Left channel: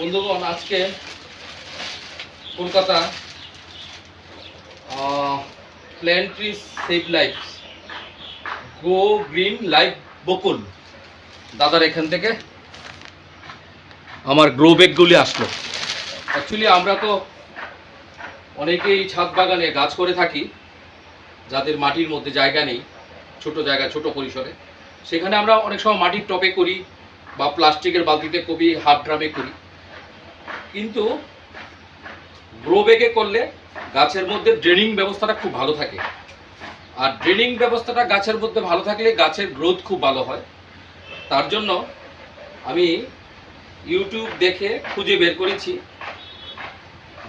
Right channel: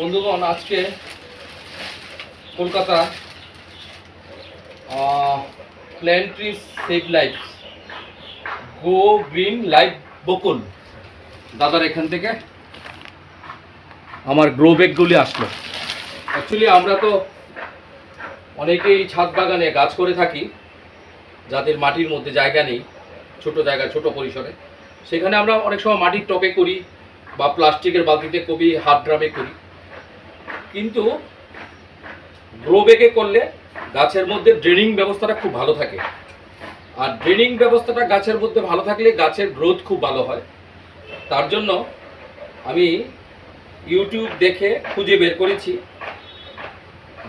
বন্ধুগণ, আজকে Kolkata plant trees save life go green life Bakul দাদার এখান থেকে আমার গ্রো ব্যাগগুলি আসলো। অ্যাকচুয়ালি আমরা তো অনেকেই ছাদ বাগানে গাছ করে থাকি, যাদের মাটির মধ্যে জায়গা নেই, ছোট জায়গা, ছোট পরিসরে, সেখানে আমরা অনেক সময় মাটির টবে করি বা প্লাস্টিকের বালতিতে করি, হাত ড্রামে করি। কিন্তু গ্রো ব্যাগে করলে গাছের মধ্যে ড্রেনিং ব্যবস্থাটা খুব ভালো থাকে, আর ড্রেনিং ব্যবস্থাটা গাছের মধ্যে ভালো থাকলে গাছের গ্রোথ খুব ভালো হয়। তার জন্য আমি ইউটিউব দেখে খুঁজে বের করেছি,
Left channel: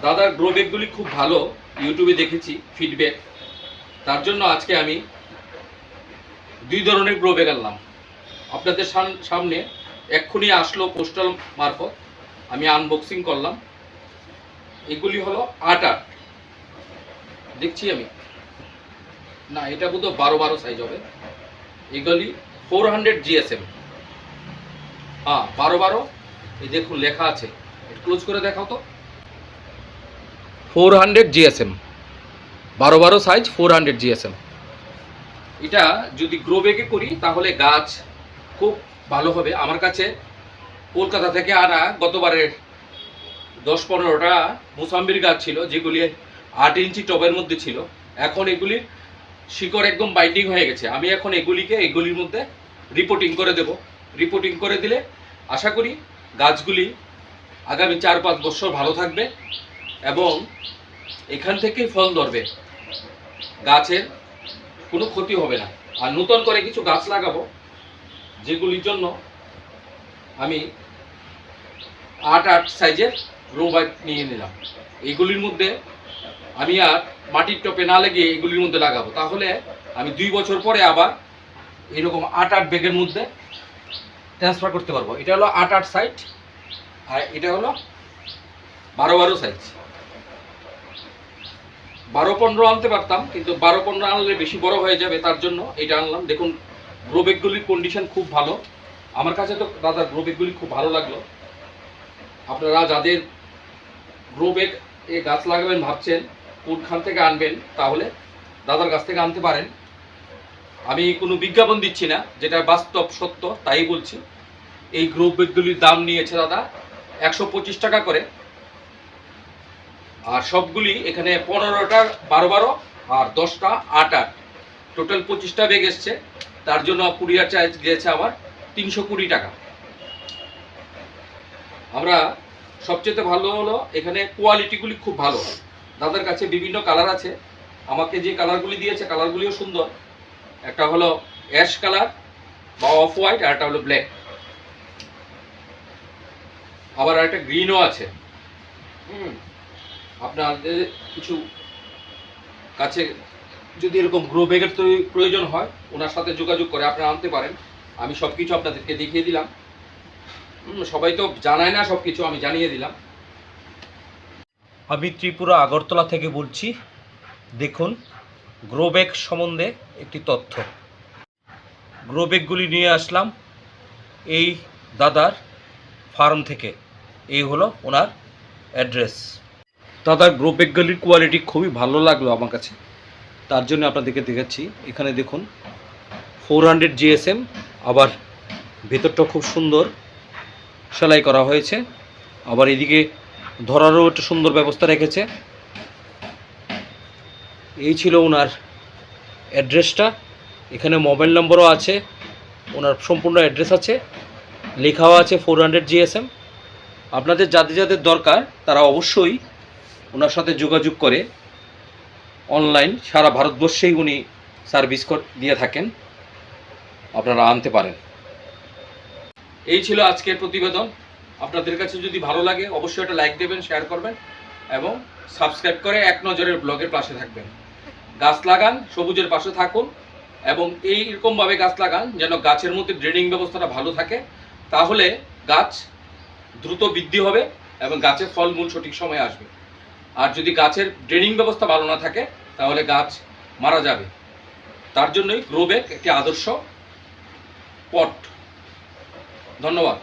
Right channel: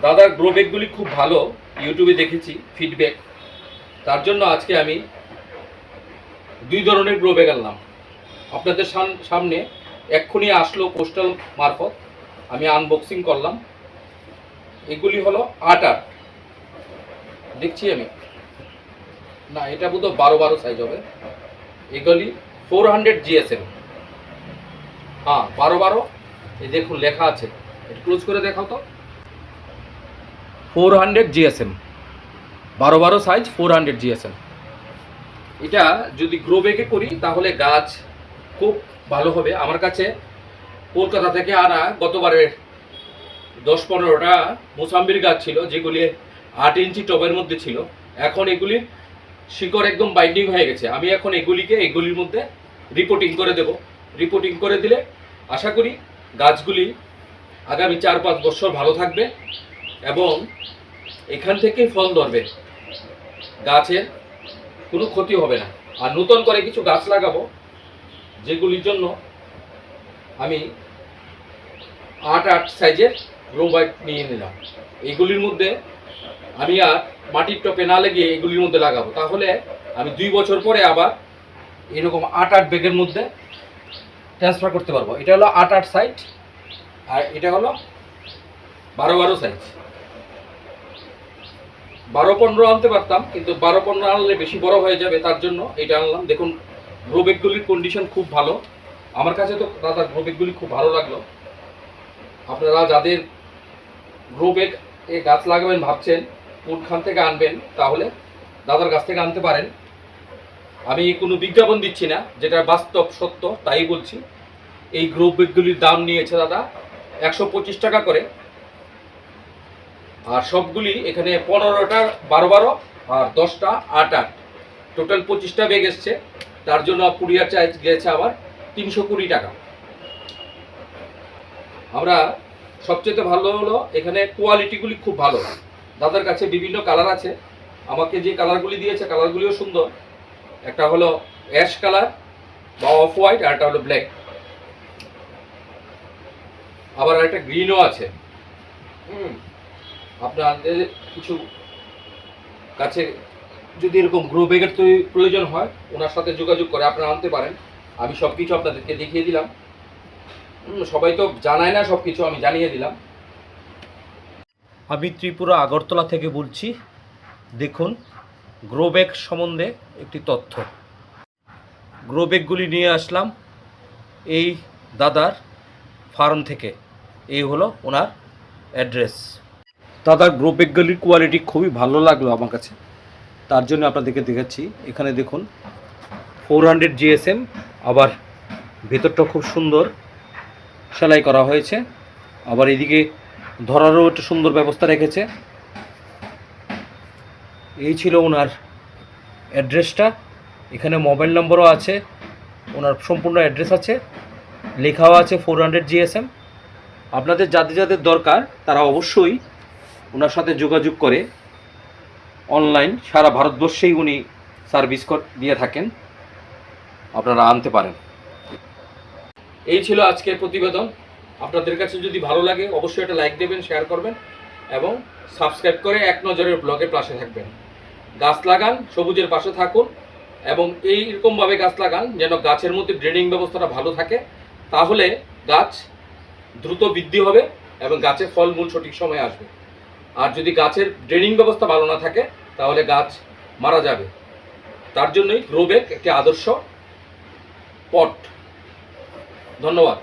দাদার গ্রো ব্যাগগুলি খুব ভালো, ইউটিউবে দেখেছি ফিডব্যাক। তার জন্য আজকে আমি দুই ধরনের গ্রো ব্যাগ আনলাম আপনাদের সামনে। এক্ষুনি আসলো পোস্টাল মারফত, আমি আনবক্সিং করলাম। এগুলি হলো 8-8 দেখছি আমি, না এটা বোধ 12-12 সাইজ হবে। এগুলি 400 GSM, হ্যাঁ 12-12। এই দেখুন লেখা আছে, ক্লোজ করে দেখাও তো। 400 GSM, 12-12 সাইজ, 400 GSM। এটা যদি গ্রো ব্যাগে করি তাহলে গাছ খুব ভালো হবে। আমার কাছে কলকাতা থেকে আনা গতবারের 10-15টা মোসাম্বির গাছ ছিল, যেগুলি 8 ইঞ্চি টবের মধ্যে ছিল। এখন এগুলির শিকড় একদম বাইন্ডিং হয়ে গেছে। আমি এখন এগুলির মধ্যে রিপোর্টিং করে দেব। রিপোর্টিং করে দিলে আশা করি গাছগুলি আগামী 4-5 বছর ভালো থাকবে এবং এখান থেকেই ফল ধরবে, গাছের কোনো ক্ষতি হবে না। আর নতুন করে কিছু গাছ লাগাবো, যেগুলির জন্য আমি 8-8 সাইজের গ্রো ব্যাগ নিয়ে নিলাম। এইগুলির মধ্যে আমি আর মাটির টপে না লাগিয়ে এগুলির মধ্যে লাগাবো, তাহলে আমি 2 বছর পরে আবার এরকম 8-8 ব্যাগের মধ্যে ট্রান্সফার করতে পারবো। এটা হলো 8-8 সাইজ, আর এটা হলো 12-12 সাইজ। 12-15 আনতে পারতাম, কিন্তু 12-15 আনলে বেশি বড় হয়ে যাবে, তার জন্য এটা আনলাম। দেখুন গ্রো ব্যাগগুলির কন্ডিশন খুব ভালো, আমার কাছে তো দাদা গ্রো ব্যাগগুলি খুব ভালো লাগলো। আপনারা যাদের গ্রো ব্যাগ এ গাছ লাগাবেন ভাবছেন, কোনখান থেকে আনবেন, তাহলে দাদার কাছ থেকে আনতে পারেন। আমি কোনো বিজ্ঞাপন দিচ্ছি না, যেটা বাস্তব সত্য তাই বলছি। এই গ্রো ব্যাগগুলির দাম নিয়েছে দাদা 125 টাকা করে, আর সবগুলি এখানে 15টা 12-12 আর 10টা 8-8, টোটাল 25টা ব্যাগ এসছে। তার জন্য কুরিয়ার চার্জ গিয়েছে আবার 320 টাকা। আমরা সবচেয়ে ভালো হলো এখানে কোয়ালিটিগুলি খুব ভালো। দাদার কাছে বিভিন্ন কালার আছে, আমাকে যে কালারগুলি দিয়েছে কালারগুলিও সুন্দর। একটা হলো অ্যাশ কালার বা অফ হোয়াইট, আর একটা হলো ব্ল্যাক, আবার একটা গ্রিনও আছে। আপনাদের কিছু কাছে যদি এরকম গ্রো ব্যাগের প্রয়োজন হয়, ওনার সাথে যোগাযোগ করে আপনারা আনতে পারেন। আমি সব কিছু আপনাদেরকে দেখিয়ে দিলাম। সবাই তো জানায় না সব কিছু, আমি জানিয়ে দিলাম। আমি ত্রিপুরা আগরতলা থেকে বলছি। দেখুন গ্রো ব্যাগ সম্বন্ধে একটি তথ্য। গ্রো ব্যাগগুলি নিয়ে আসলাম এই দাদার ফার্ম থেকে। এই হলো ওনার অ্যাড্রেস। দাদার গ্রো ব্যাগগুলির কোয়ালিটি খুবই ভালো লাগলো আমার কাছে, তার জন্য আপনাদেরকে দেখাচ্ছি। এখানে দেখুন 400 GSM, আবার ভেতরটা খুব সুন্দর সেলাই করা হয়েছে, আবার এদিকে ধরারও একটা সুন্দর ব্যবস্থা রেখেছে। এই ছিল ওনার অ্যাড্রেসটা। এখানে মোবাইল নম্বরও আছে, ওনার সম্পূর্ণ অ্যাড্রেস আছে, লেখাও আছে 400 GSM। আপনাদের যাদের যাদের দরকার তারা অবশ্যই ওনার সাথে যোগাযোগ করে অনলাইন সারা ভারতবর্ষেই উনি সার্ভিস দিয়ে থাকেন, আপনারা আনতে পারেন। এই ছিল আজকের প্রতিবেদন। আপনাদের কাছে যদি ভালো লাগে অবশ্যই একটা লাইক দেবেন, শেয়ার করবেন এবং সাবস্ক্রাইব করে এক নজরের ব্লগের পাশে থাকবেন। গাছ লাগান, সবুজের পাশে থাকুন এবং এইরকমভাবে গাছ লাগান যেন গাছের মধ্যে ড্রেনিং ব্যবস্থাটা ভালো থাকে, তাহলে গাছ দ্রুত বৃদ্ধি হবে এবং গাছের ফলমূল সঠিক সময়ে আসবে। আর যদি গাছের ড্রেনিং ব্যবস্থা ভালো না থাকে তাহলে গাছ মারা যাবে। তার জন্যই গ্রো ব্যাগ একটি আদর্শ পট। ধন্যবাদ।